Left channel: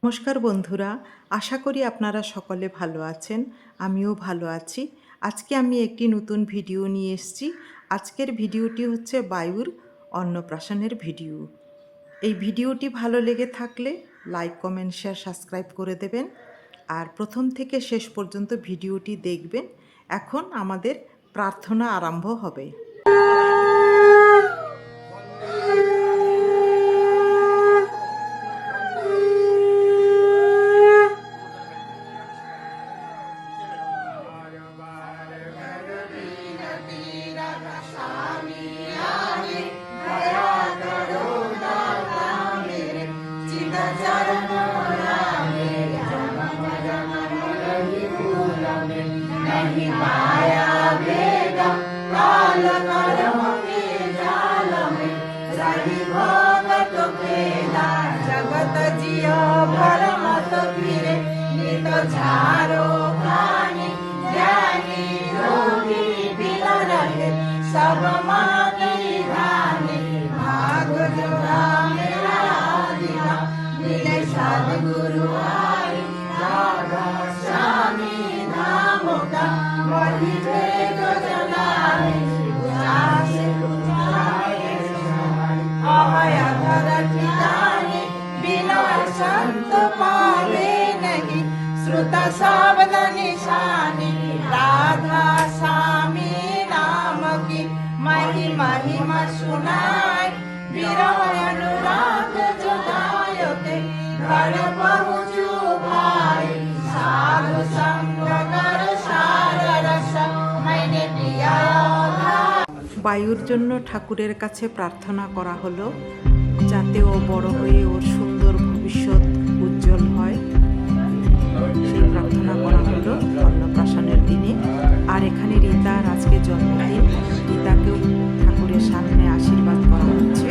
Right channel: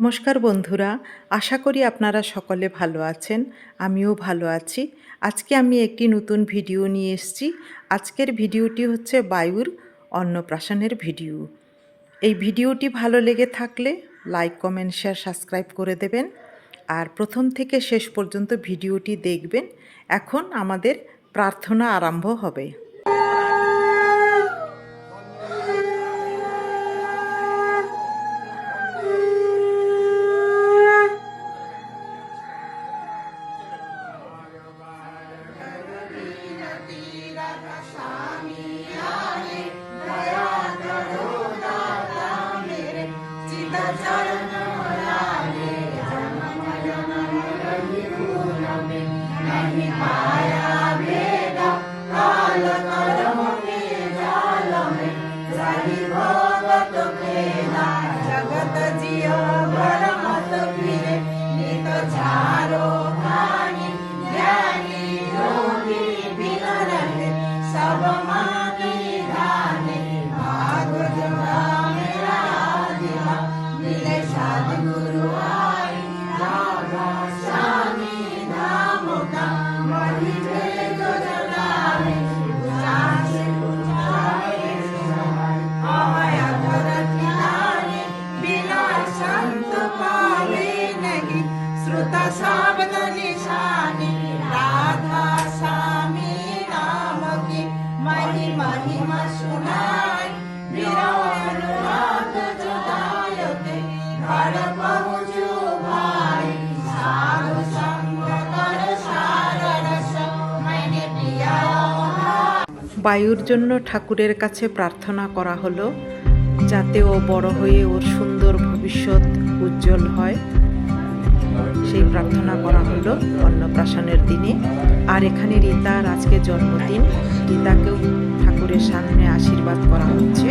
নমস্কার বন্ধুরা, আশা করি আপনারা সকলে ভালো আছেন। আমিও ভালো আছি। আজকে আমি একটি নতুন ভিডিও নিয়ে এসেছি। আজকের ভিডিওটি হচ্ছে বায়ুর অন্নপ্রাশনের ভিডিও। এই ভিডিওটি ভালো লেগে থাকলে লাইক, কমেন্ট, শেয়ার, সাবস্ক্রাইব করে দেবেন। আর প্রথম থেকে শেষ পর্যন্ত ভিডিওটি দেখবেন। এখন আমাদের প্রার্থনা আরম্ভ হবে। জগত জিও ভরমত ফিরে নিত ঝাড়ো ভানি জ্ঞানী যোগী বিনরহে সব মাকে ধানে ভাগ জোড়া মেরা দিবা মিলে সদ্গুরু আই রাধা স্বামী ধাম কা মহিবে গজলায় যাসে পুজায়ে আয় আধারা ঠিকানে बिना संत पावे नहीं श्रुत शब्द निशानी राधा स्वामी नाम की महिमा सुनाए वीरो अनुराग जुदायो के घर पहुँचो भाई साधु संग कर सार रस मैंने पिया। বায়ুর জন্য ঠাকুরের কাছে প্রার্থনা করা হলো যাতে ও বড় হয়ে ওর সুন্দর ভবিষ্যৎ উজ্জ্বল হয়, সেই প্রার্থনা করা হলো অন্নপ্রাশনের দিনে। আর এখানে রীতার আজকে জন্মদিন, রীতাকেও ঠাকুরের সামনে আশীর্বাদ করা হচ্ছে।